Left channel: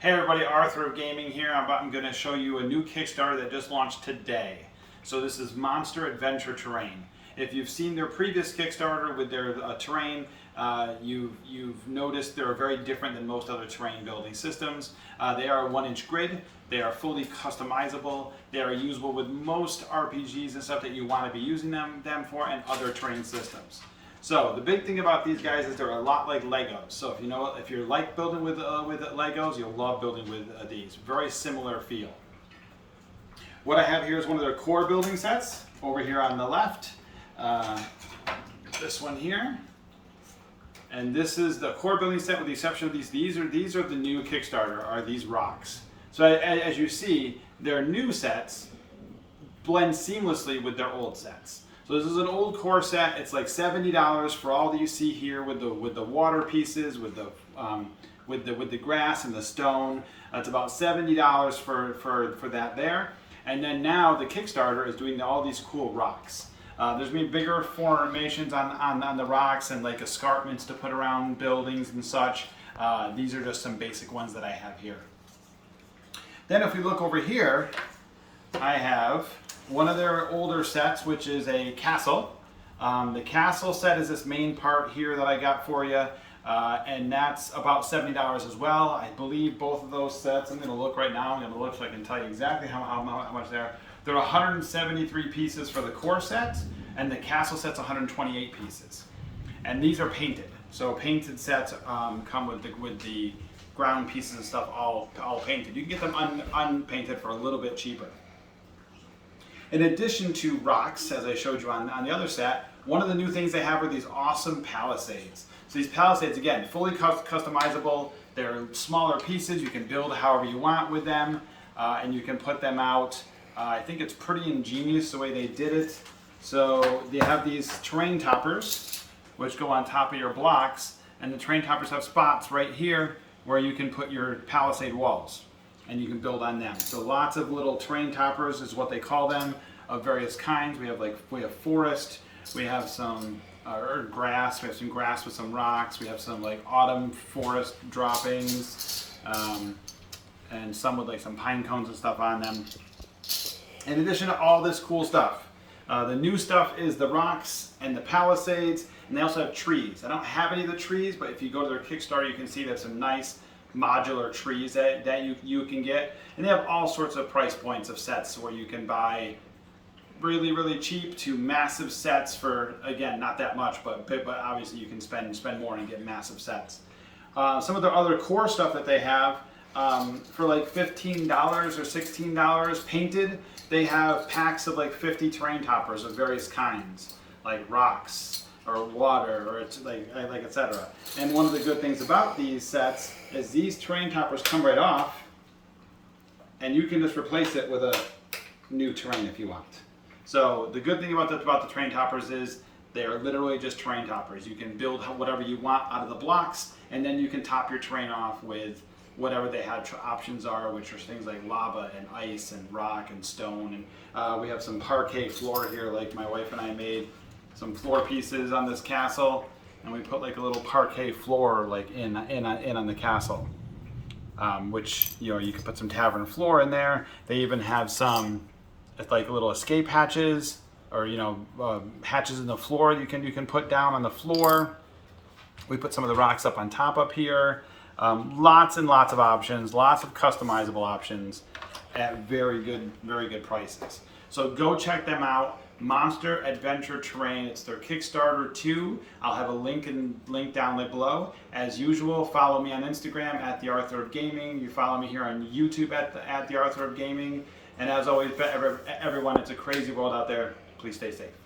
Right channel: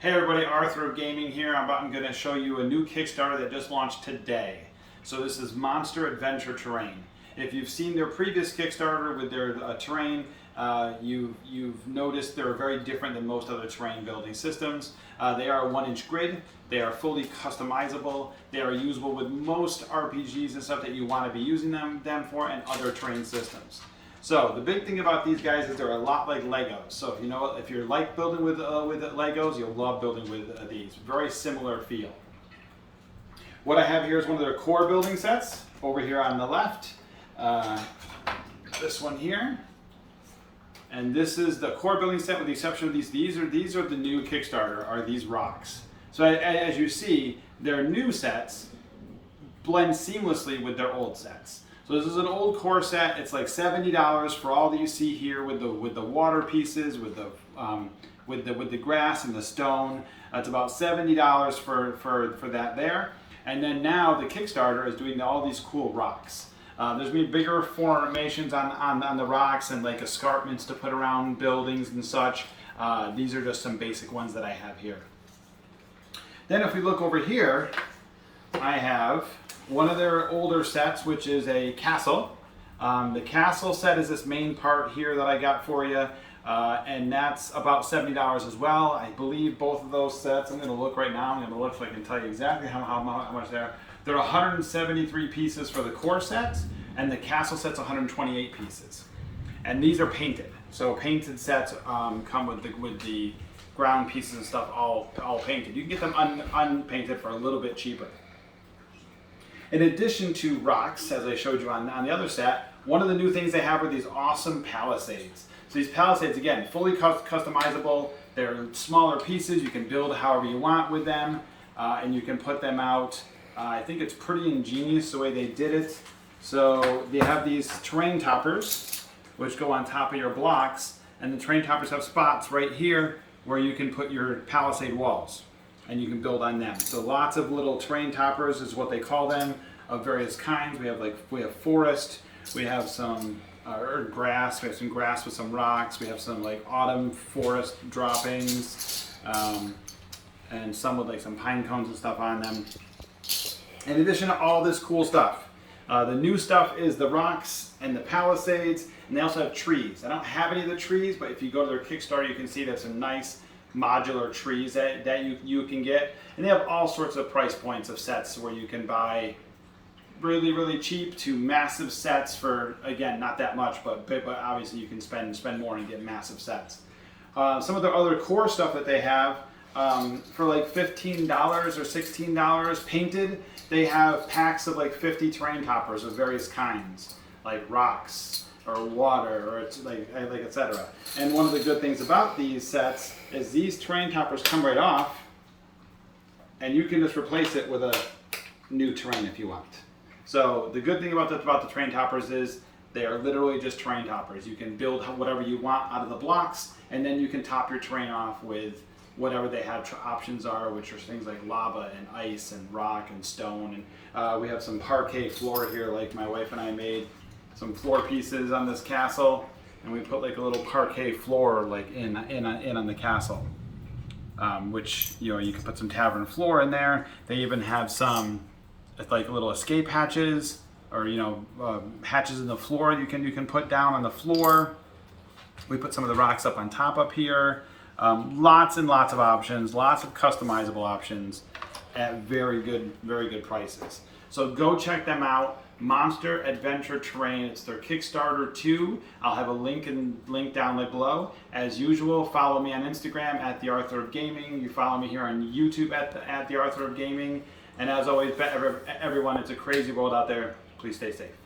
Hey everybody, Arthur of Gaming here. I'm going to show you a new Kickstarter that just launched today. So this is Monster Adventure Terrain. If you've seen their previous Kickstarter with their terrain, you've noticed they're very different than most other terrain building systems. They are a 1-inch grid. They are fully customizable. They are usable with most RPGs and stuff that you want to be using them for, and other terrain systems. So the big thing about these guys is they're a lot like Legos. So if you like building with Legos, you'll love building with these. Very similar feel. What I have here is one of their core building sets over here on the left. This one here, and this is the core building set with the exception of these. These are the new Kickstarter. Are these rocks? So as you see, their new sets blend seamlessly with their old sets. So this is an old core set. It's like $70 for all that you see here with the water pieces, with the grass and the stone. It's about $70 for that there. And then now the Kickstarter is doing all these cool rocks. There's been bigger formations on the rocks and like escarpments to put around buildings and such. These are just some basic ones that I have here. Then if we look over here, I have one of their older sets, which is a castle. The castle set is this main part here that I got for you, and that's about $70 as well. I believe both of those sets, I'm going to look right now, I'm going to look so I can tell you exactly how much they are. They're 173 pieces for the core set, and the castle set's 128 pieces. And these are painted. So painted sets come with the ground pieces and stuff all painted. You can get them unpainted for a little bit cheaper. In addition to rocks, as I showed you on the other set, one of the new things they have are these awesome palisades. So these palisades, again, fully customizable. They're smaller pieces. You can build however you want with them, and you can put them out. I think it's pretty ingenious the way they did it. So they have these terrain toppers, which go on top of your blocks, and the terrain toppers have spots right here where you can put your palisade walls, and you can build on them. So lots of little terrain toppers is what they call them, of various kinds. We have forest, we have some grass, we have some grass with some rocks, we have some like autumn forest droppings, and some with like some pine cones and stuff on them. In addition to all this cool stuff, the new stuff is the rocks and the palisades, and they also have trees. I don't have any of the trees, but if you go to their Kickstarter, you can see there's some nice modular trees that you can get. And they have all sorts of price points of sets where you can buy really, really cheap to massive sets for, again, not that much, but obviously you can spend more and get massive sets. Some of the other core stuff that they have, for like $15 or $16 painted, they have packs of like 50 terrain toppers of various kinds, like rocks or water or like etc. And one of the good things about these sets is these terrain toppers come right off, and you can just replace it with a new terrain if you want. So the good thing about the terrain toppers is they are literally just terrain toppers. You can build whatever you want out of the blocks, and then you can top your terrain off with whatever they have options are, which are things like lava and ice and rock and stone. And we have some parquet floor here, like my wife and I made some floor pieces on this castle, and we put like a little parquet floor like in on the castle, which you can put some tavern floor in there. They even have some like little escape hatches, or hatches in the floor you can put down on the floor. We put some of the rocks up on top up here. Lots and lots of options, lots of customizable options at very good prices. So go check them out. Monster Adventure Terrain. It's their Kickstarter 2. I'll have a link down below. As usual, follow me on Instagram at the Arthur of Gaming. You follow me here on YouTube at the Arthur of Gaming. And as always, everyone, it's a crazy world out there. Please stay safe.